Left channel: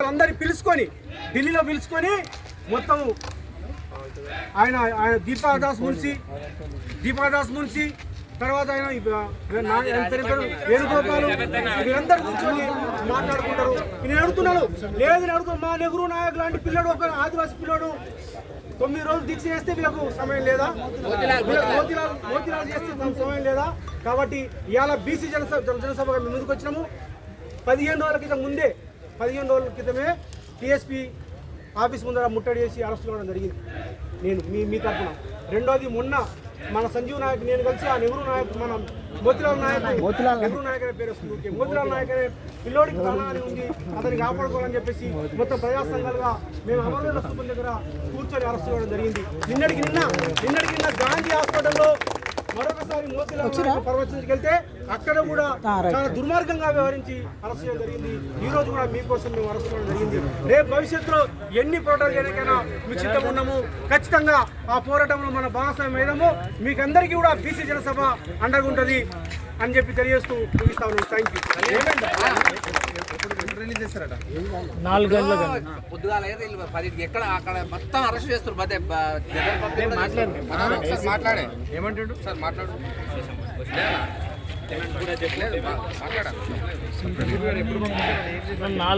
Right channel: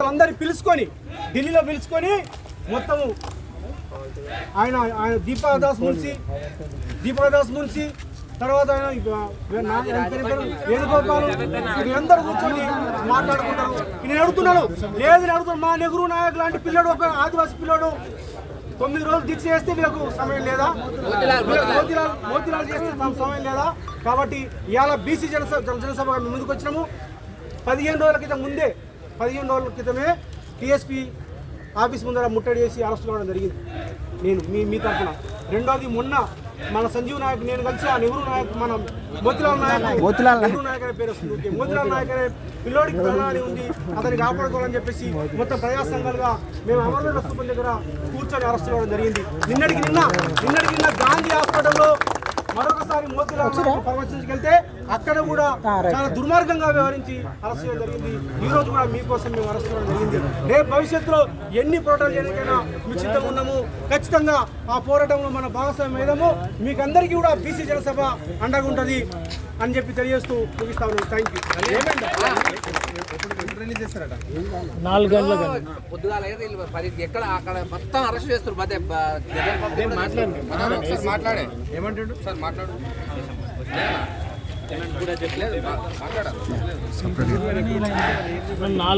అందరిని పిలుచుకొని ఢిల్లీలో పిలుచుకొని మొత్తము ఆయన ఆయన దీపాదాస్ మున్సి దీపాదాస్ మున్సి తర్వాత ఆయన వేణుగోపాల్ వీళ్ళందరూ కూర్చొని మాట్లాడుకుంటారు. నేను అడుగుతున్నాను లేదు నేను అడుగుతున్నాను మా నెహ్రూ నాయక్ లాంటి పిల్లడు ఒక ఆదివాసీ పిల్లడు తొమ్మిది రోజులు దీక్ష చేస్తే వీళ్ళకు సమయం లేదా? మోతిలాల్ మోతిలాల్ చేస్తే సమయం లేదా? కాబట్టి ఇవాళ బీసీ జనసభ జనసభగా మేము ముందుకు వచ్చినాము పదిహేను రోజుల క్రితం ముందే పదిహేను రోజుల క్రితమే టీఎస్పీ ఆఫీస్ ముందర ముట్టడి చేసి అరెస్ట్ కావడం జరిగింది. నేను మీ మీ తరఫున. రెండోది మొన్న మన సంజీవ్ నాయక్ నేను కలిసి ఆ నెహ్రూ నాయక్ మన మోతిలాల్ నాయక్ నెహ్రూ నాయక్ అనే పేరు వస్తుంది. మోతిలాల్ నాయక్ అనే పిల్లోడికి ప్రాణాలు ఉంది అతన్ని కాపాడుకోవాలని చెప్పేసి మొత్తం ప్రజా సంఘాలుగా మేము అమరవీరుల స్థూపం దగ్గర కూర్చొని అరెస్ట్ చేయడం జరిగింది. నిన్నటికి నిన్న నిన్నటికి నిన్న గాంధీ హాస్పిటల్లో మరొకసారి మోతిలాల్ పరామర్శించుకెళ్తే అక్కడ కూడా చాలా దుర్మార్గంగా వ్యవహరించి అరెస్ట్ చేయడం జరిగింది. ఈ రోజు కూడా మీకోసం మేము అరెస్ట్ చేయడం జరిగింది. రేపు భవిష్యత్తులో ఎన్ని పోరాటాలు చేయడానికైనా మీకు సిద్ధంగా ఉన్నాము. ఖచ్చితంగా ఆ పోరాటంలో మన భాగస్వామ్యం ఏదమో మీకు అందరికీ కూడా బీసీ జనసభ అండగా ఉంటుంది అని చెప్పి తెలియజేస్తూ ముగిస్తాను. థ్యాంక్ యూ నాలుగు పొద్దుగాల పదింటికి ఎక్కడ అక్కడ మొత్తం అరెస్ట్ చేస్తారు. మధ్య బ- జగన్ బాబు కూడా ఒకసారి మాట్లాడే. ఏమంటాడు? సార్ మాట్లాడు లేదన్నా? ఏమంటాడు? లేదు మా- మాట్లాడాలి నాలుగు